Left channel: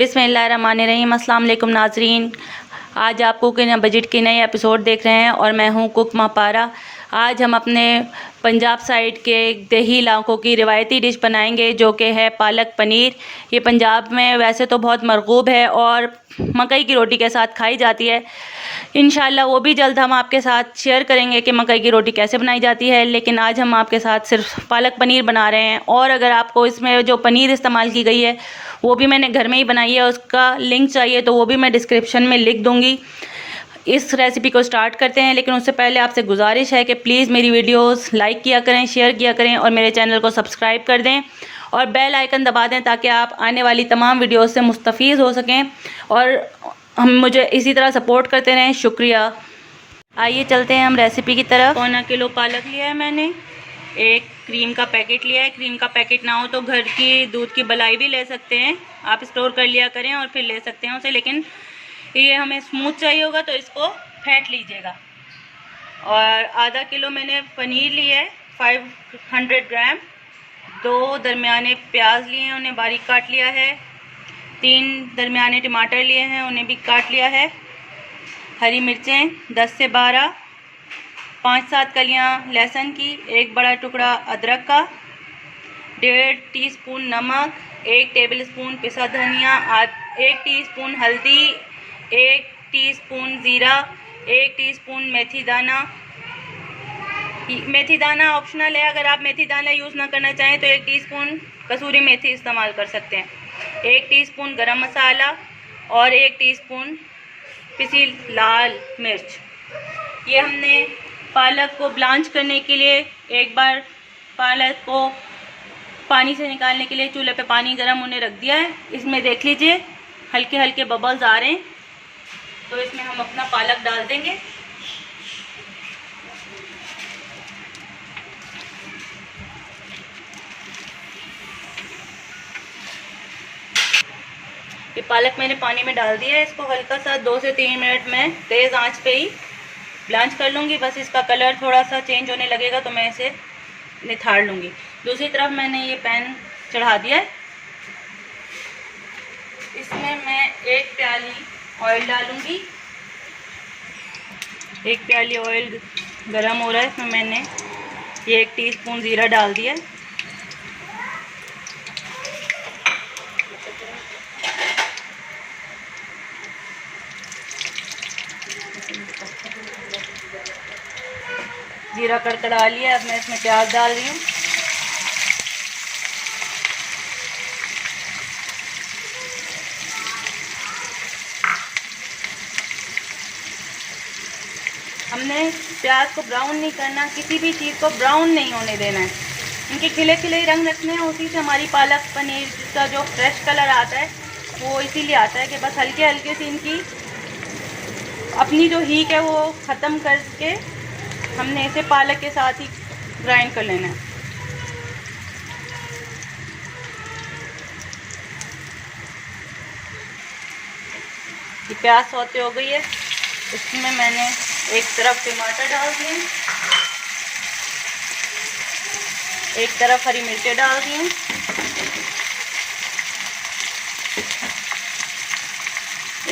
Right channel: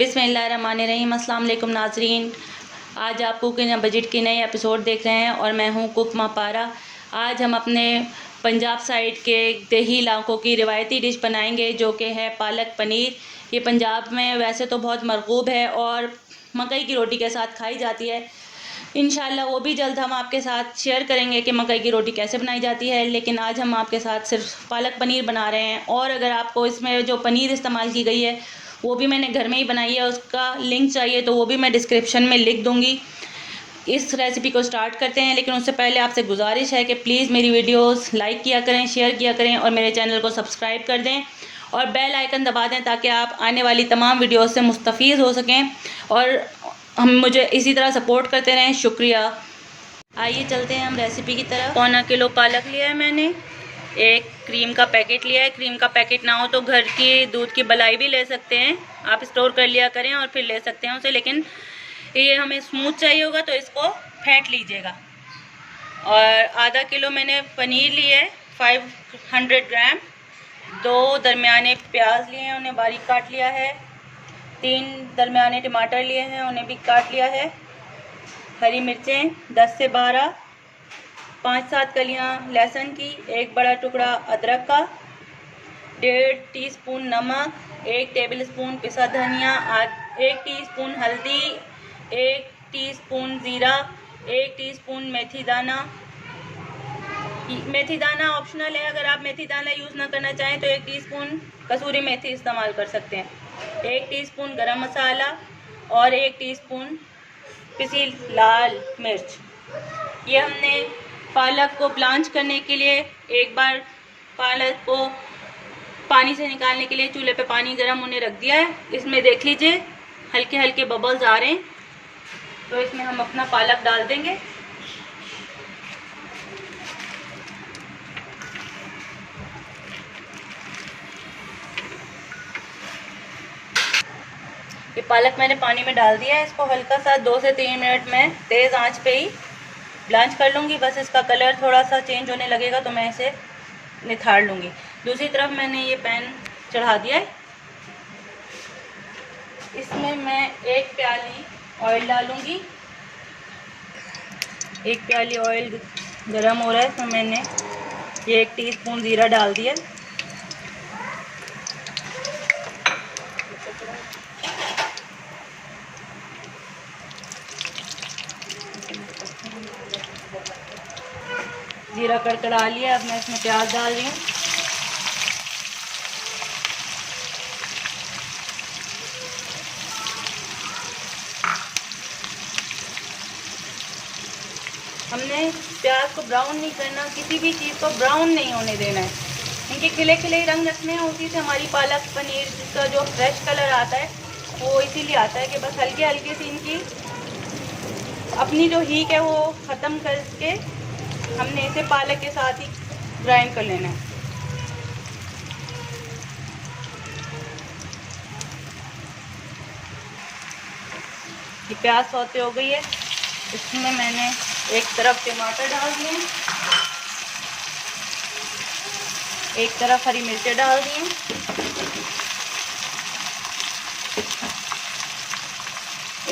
बिस्मिल्लाहिर्रहमानिर्रहीम। अस्सलाम वालेकुम नाज़रीन, आज आप कुकिंग बजट के नए एपिसोड देख रहे हैं और मैं हूं कुक मापारा। आज हम अपने पंजाब साइड के दही इलाकों की रिवायती डिश बनाएंगे जो कि है पालक पनीर। ये पंजाब में वैसे तो बहुत मरगूब है और मकई की रोटी के साथ खाई जाती है। इंशाल्लाह वो भी जल्द हम आपके साथ शेयर करेंगे कि मकई की रोटी कैसे बनाई जाती है, लेकिन आज हम आपके साथ सिर्फ पालक पनीर बना रहे हैं। और अगर आपको इसमें जो पनीर इस्तेमाल की गई है वो भी मैंने घर में ही बनाई है, उसका लिंक चाहिए तो वो भी मैं डिस्क्रिप्शन में लिख दूँगी। इस रेसिपी को स्टार्ट करते हैं, लेकिन उससे पहले आपसे गुजारिश है कि प्लीज़ मेरी वीडियोस लाइक किया करें, शेयर किया करें और मेरे चैनल को सब्सक्राइब कर दें और बेल आइकन दबा दें ताकि आप आने वाली तमाम वीडियोस से मुस्तफ़ीज़ हो सकें और हम मुझे इसी तरह सपोर्ट करते रहें। शुक्रिया। आइए चलते हैं हम रेसिपी की तरफ। 1.25 किलो पालक लिया है मैंने, एक क्रीम का पैकेट लिया है। क्रीम का पैकेट ना हो तो घर की दूध की मलाई भी ले सकते हैं, आप स्टोर कर लिया करें और फिर ले सकते हैं उसे, लेकिन ये हमें स्मूथ चाहिए होगा तो इसको फेंट लीजिएगा। और आधा किलो मैंने पनीर लिया है, 500 ग्राम। 2 दरमियाने प्याज लिए हैं, उन्हें बारीक काट लिया है। 3 दरमियाने टमाटर लिए हैं, उन्हें भी काट लिया है। हरी मिर्चें 10 से 12, 5-7 कलियां लहसुन की, एक बड़ा टुकड़ा अदरक का, 1.5 टीस्पून नमक, 1 टेबलस्पून पिसा धनिया, 1 टीस्पून हल्दी, 1 टीस्पून ज़ीरा, 1 टीस्पून मेथी दाना। मेथी दाना ऑप्शनल है, अगर आप मेथी दाना यूज़ ना करना चाहें तो 1 टीस्पून कसूरी मेथी इस्तेमाल कर सकते हैं। 1 टीस्पून गरम मसाला और 1 टीस्पून पिसी लाल मिर्च। ये हमने पालक को ब्लांच करने के लिए, एक बार पालक को पानी से निकालने के लिए चूल्हे पे पानी गर्म होने रख दिया है। इसमें देख लीजिए हल्के हल्के बबल्स आ रहे हैं, तो इसमें हम अपना पालक डाल देंगे। ये पालक मैंने पानी में डाल दिया है, इसको हल्का सा 2 से 3 मिनट में तेज़ आंच पे ही ब्लांच कर लूँगी। बस इसका कलर थोड़ा सा चेंज होने लगेगा तो मैं इसे निथाड़ लूँगी। दूसरी तरफ मैंने ये पैन चढ़ा दिया है, इसमें मैं 1 प्याली ऑयल डालूँगी। 1 प्याली ऑयल गरम हो रहा है, इसमें मैंने ये 1 टीस्पून ज़ीरा डाल दिया। ज़ीरा कड़कड़ा लिया, अब मैं इसमें प्याज डाल रही हूँ। हमने प्याज को ब्राउन नहीं करना, किसी भी चीज़ को ब्राउन नहीं होने देना है, इनके खिले खिले ही रंग रखने हैं। उसी से हमारी पालक पनीर का जो फ्रेश कलर आता है वो इसीलिए आता है कि बस हल्के हल्के से इनकी अपनी जो हीट है वो ख़त्म करके हमने इसे पालक के साथ ही ग्राइंड कर लेना है। ये प्याज सौते हो गई है, इसमें मैंने एक तरफ टमाटर डाल दिए, एक तरफ हरी मिर्चें डाल दी,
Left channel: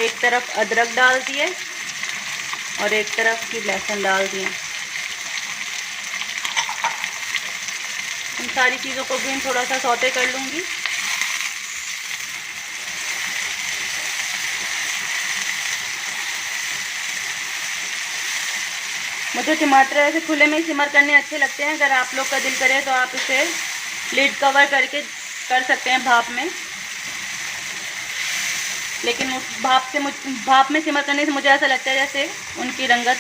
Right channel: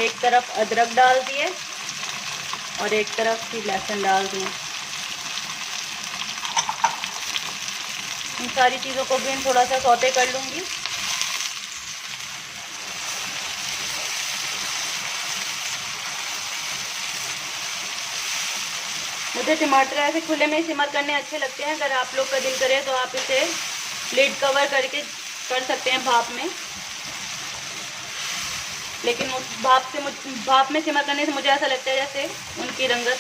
एक तरफ अदरक डाल दिए और एक तरफ की लहसुन डाल दिए। इन सारी चीज़ों को भी थोड़ा सा सौते कर लूँगी। मुझे टमाटर ऐसे खुले में सिमर करने अच्छे लगते हैं, अगर आप लोग का दिल करे तो आप इसे लिड कवर करके कर सकते हैं भाप में, लेकिन उस भाप में सिमर करने से मुझे ऐसा लगता है जैसे उनकी रंगत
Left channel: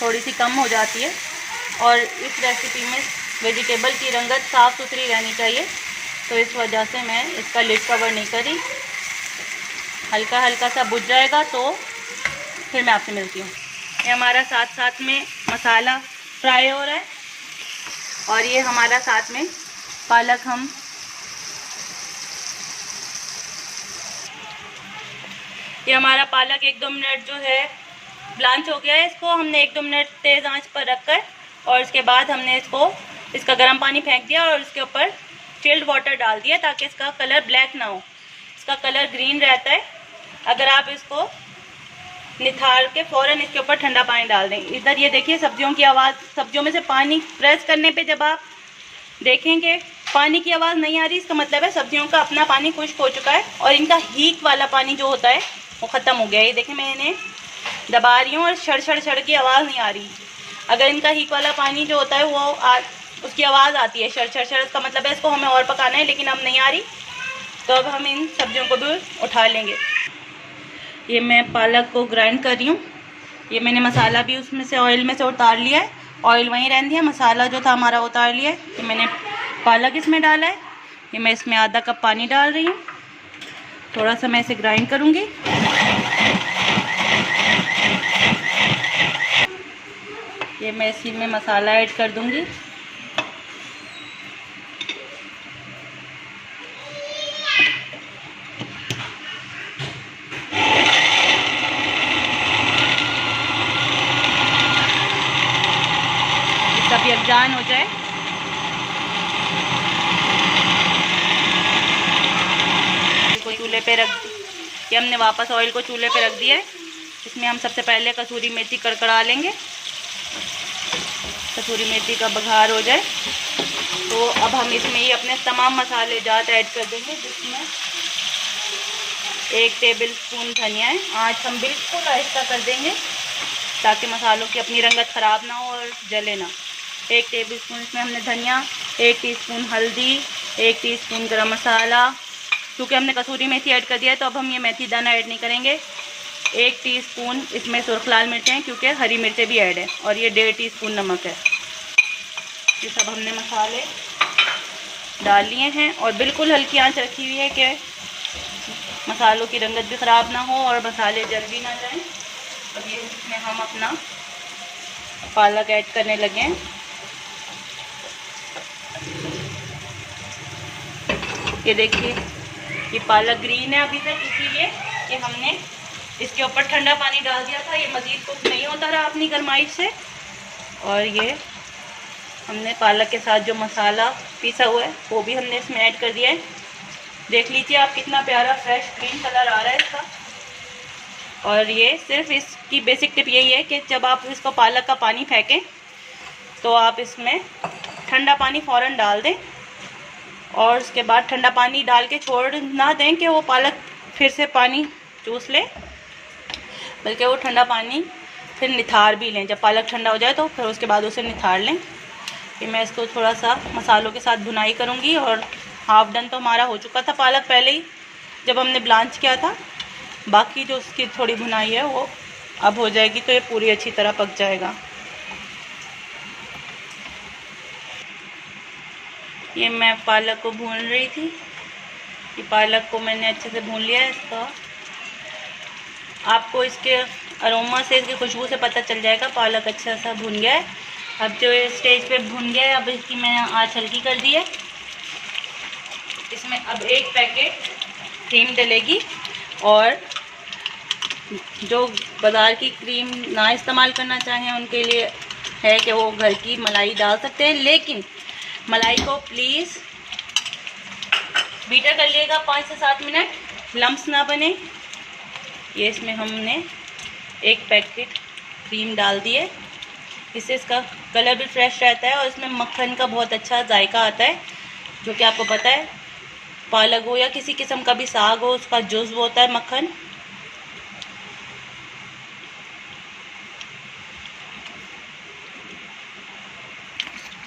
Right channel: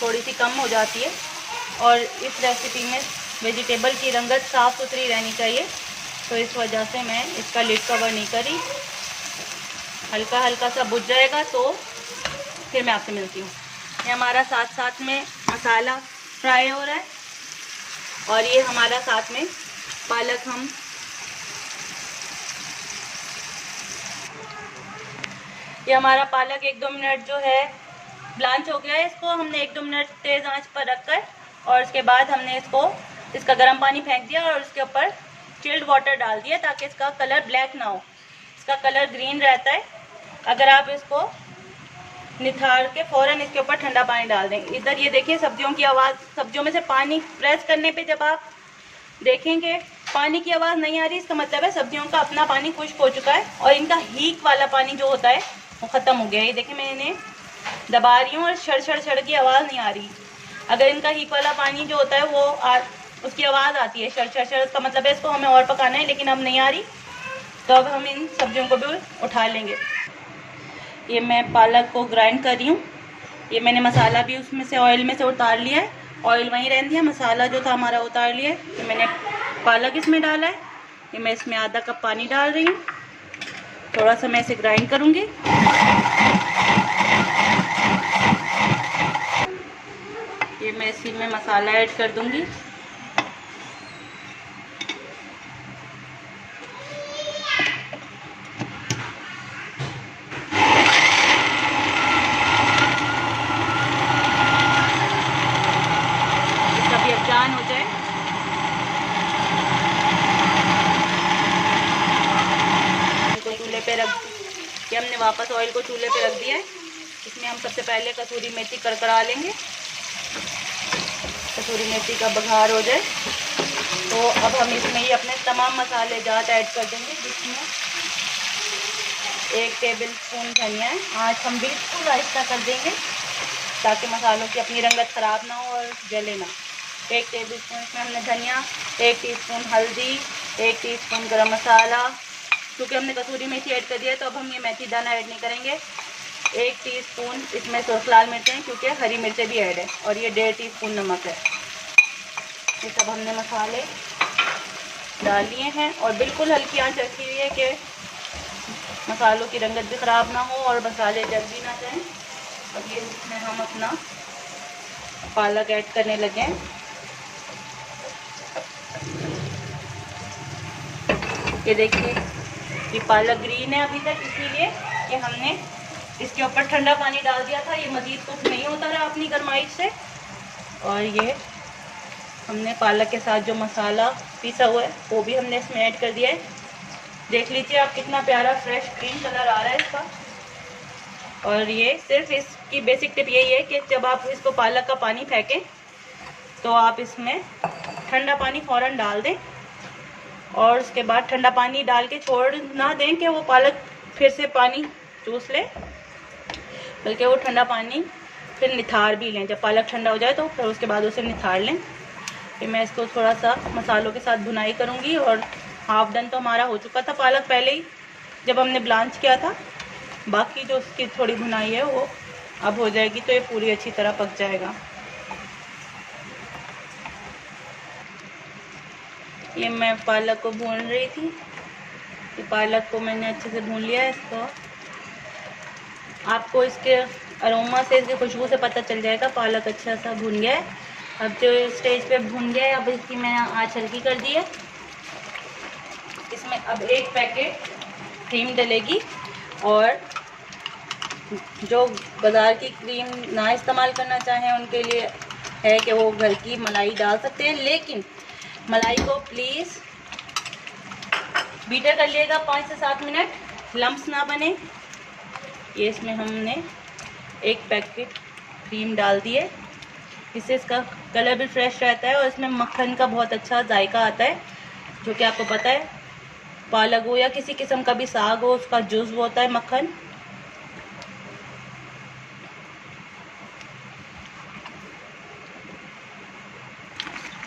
थोड़ी सी कम हो जाती है। और इस रेसिपी में वेजिटेबल की रंगत साफ़ सुथरी रहनी चाहिए, तो इस वजह से मैं इसका लिड कवर नहीं करी। हल्का हल्का सा बुझ जाएगा तो फिर मैं आपसे मिलती हूँ। ये हमारा साथ साथ में मसाला फ्राई हो रहा है और ये हमारा साथ में पालक ये हमारा पालक 1-2 मिनट जो है ब्लांच हो गया है। इसको हमने 1-2 मिनट तेज़ आंच पर रखकर और इसके बाद हमने इसका गर्म पानी फेंक दिया और इसके ऊपर चिल्ड वाटर डाल दिया ताकि इसका कलर ब्लैक ना हो। इसका कलर ग्रीन रहता है। अगर आप इसको निथार के फ़ौरन इसके ऊपर ठंडा पानी डाल दें। इधर ये देखिए सब्जियों की आवाज़, सब्जियों में से पानी प्रेस करने पे जब आप देखेंगे पानी की आवाज़ नहीं आ रही, इसका मतलब है सब्जियों का अपना पानी खुश्क हो चुका है और इनका हीक वाला पानी जो होता है वो ख़त्म हो गया है। ये देखें मैं इन्हें दबा रही हूँ और छड़ की आवाज़ नहीं आ रही। अगर इनका हीक वाला पानी जो होता है वो उसकी आवाज़ आती है छड़, इसका मतलब है इसको हमें और पकाना है, लेकिन अब नहीं आ रही। तो अब हम इन सब्जियों को भी उठा लेंगे। ये मैं पालक को ग्राइंड कर रही हूँ। ये मैंने मसाला भी उसमें से ऑयल में से उतार लिया है, ऑयल वहीं रहती है, मसाला जो था हमारा उतार लिया है। ये मैंने पालक इसमें डाला है। ये मैं इसमें आधा कप पानी डाल रही हूँ। थोड़ा सा मैं इसे ग्राइंड करूँगी। ये मैं इसी में मसाला ऐड कर दूँगी। जान हो जाए इसको चूल्हे पे रख के हमने वापस ऑयल को चूल्हे पे रख दिया है। इसमें हम सबसे पहले कसूरी मेथी कड़कड़ा लेंगे। कसूरी मेथी का बघार हो जाए तो अब हम इसमें ही अपने तमाम मसाले जात ऐड कर देंगे, जिसमें 1 टेबल स्पून धनिया है। आज हम बिल्कुल आहिस्ता कर देंगे ताकि मसालों की अपनी रंगत ख़राब ना हो और जले ना। 1 टेबल स्पून इसमें हमने धनिया, 1 टीस्पून हल्दी, 1 टीस्पून गरम मसाला। क्योंकि हमने कसूरी मेथी ऐड कर दिया है तो अब हम ये मेथी दाना ऐड नहीं करेंगे। 1 टीस्पून इसमें सुर्ख लाल मिर्चें हैं क्योंकि हरी मिर्चें भी ऐड है, और ये 1.5 टीस्पून नमक है। ये सब हमने मसाले डाल लिए हैं और बिल्कुल हल्की आंच रखी हुई है कि मसालों की रंगत भी ख़राब ना हो और मसाले जल भी ना जाएँ। अब ये इसमें हम अपना पालक ऐड करने लगे हैं। ये देखिए ये पालक ग्रीन है अभी तक, इसीलिए कि हमने इसके ऊपर ठंडा पानी डाल दिया था। ये मज़ीद कुछ नहीं होता रहा अपनी गरमाइश से। और ये हमने पालक के साथ जो मसाला पीसा हुआ है वो भी हमने इसमें ऐड कर दिया है। देख लीजिए आप कितना प्यारा फ्रेश ग्रीन कलर आ रहा है इसका। और ये सिर्फ इसकी बेसिक टिप यही है कि जब आप इसको पालक का पानी फेंकें तो आप इसमें ठंडा पानी फ़ौरन डाल दें और उसके बाद ठंडा पानी डाल के छोड़ ना दें कि वो पालक फिर से पानी चूस ले, बल्कि वो ठंडा पानी फिर निथार भी लें। जब पालक ठंडा हो जाए तो फिर उसके बाद उसे निथार लें। फिर मैं इसको थोड़ा सा मसालों के साथ भुनाई करूँगी। और हाफ डन तो हमारा हो चुका था पालक पहले ही जब हमने ब्लांच किया था। बाकी जो उसकी थोड़ी भुनाई है वो अब हो जाएगी तो ये पूरी अच्छी तरह पक जाएगा। ये मैं पालक को भून रही थी। ये पालक को मैंने अच्छे से भून लिया है। इसका आपको इसके अरोमा से, इसकी खुशबू से पता चल जाएगा पालक अच्छा सा भून गया है। अब जो स्टेज पे भून गया है, अब इसकी मैंने आँच हल्की कर दी है। इसमें अब 1 पैकेट क्रीम डलेगी। और जो बाज़ार की क्रीम ना इस्तेमाल करना चाहें उनके लिए है कि वो घर की मलाई डाल सकते हैं, लेकिन मलाई को प्लीज़ बीटर कर लिएगा 5 से 7 मिनट, लम्स ना बने। ये इसमें हमने 1 पैकेट क्रीम डाल दी है। इससे इसका कलर भी फ्रेश रहता है और इसमें मक्खन का बहुत अच्छा जायका आता है, जो कि आपको पता है पालक हो या किसी किस्म का भी साग हो, उसका जुज़्व होता है मक्खन।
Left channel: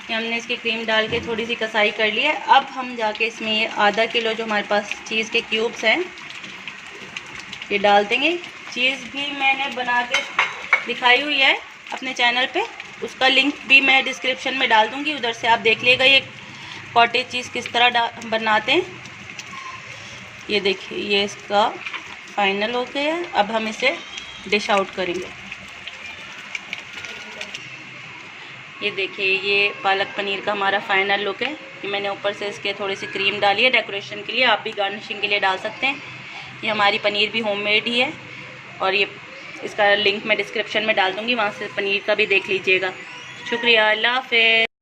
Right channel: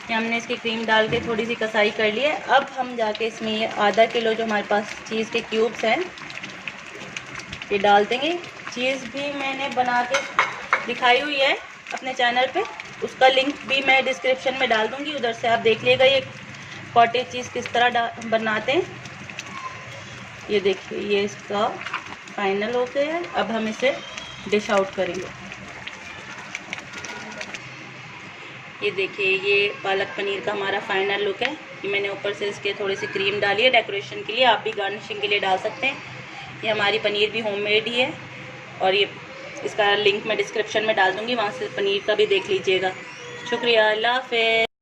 हमने इसकी क्रीम डाल के थोड़ी सी कसाई कर ली है। अब हम जाके इसमें ये आधा किलो जो हमारे पास चीज़ के क्यूब्स हैं ये डाल देंगे। चीज़ भी मैंने बना के दिखाई हुई है अपने चैनल पे, उसका लिंक भी मैं डिस्क्रिप्शन में डाल दूँगी, उधर से आप देख लीजिएगा ये कॉटेज चीज़ किस तरह बनाते हैं। ये देखिए ये इसका फाइनल हो गया है। अब हम इसे डिश आउट करेंगे। ये देखिए ये पालक पनीर का हमारा फाइनल लुक है। ये मैंने ऊपर से इसके थोड़ी सी क्रीम डाली है डेकोरेशन के लिए, आप भी गार्निशिंग के लिए डाल सकते हैं। ये हमारी पनीर भी होममेड ही है और ये इसका लिंक मैं डिस्क्रिप्शन में डाल दूँगी, वहाँ से पनीर का भी देख लीजिएगा। शुक्रिया, अल्लाह हाफ़िज़।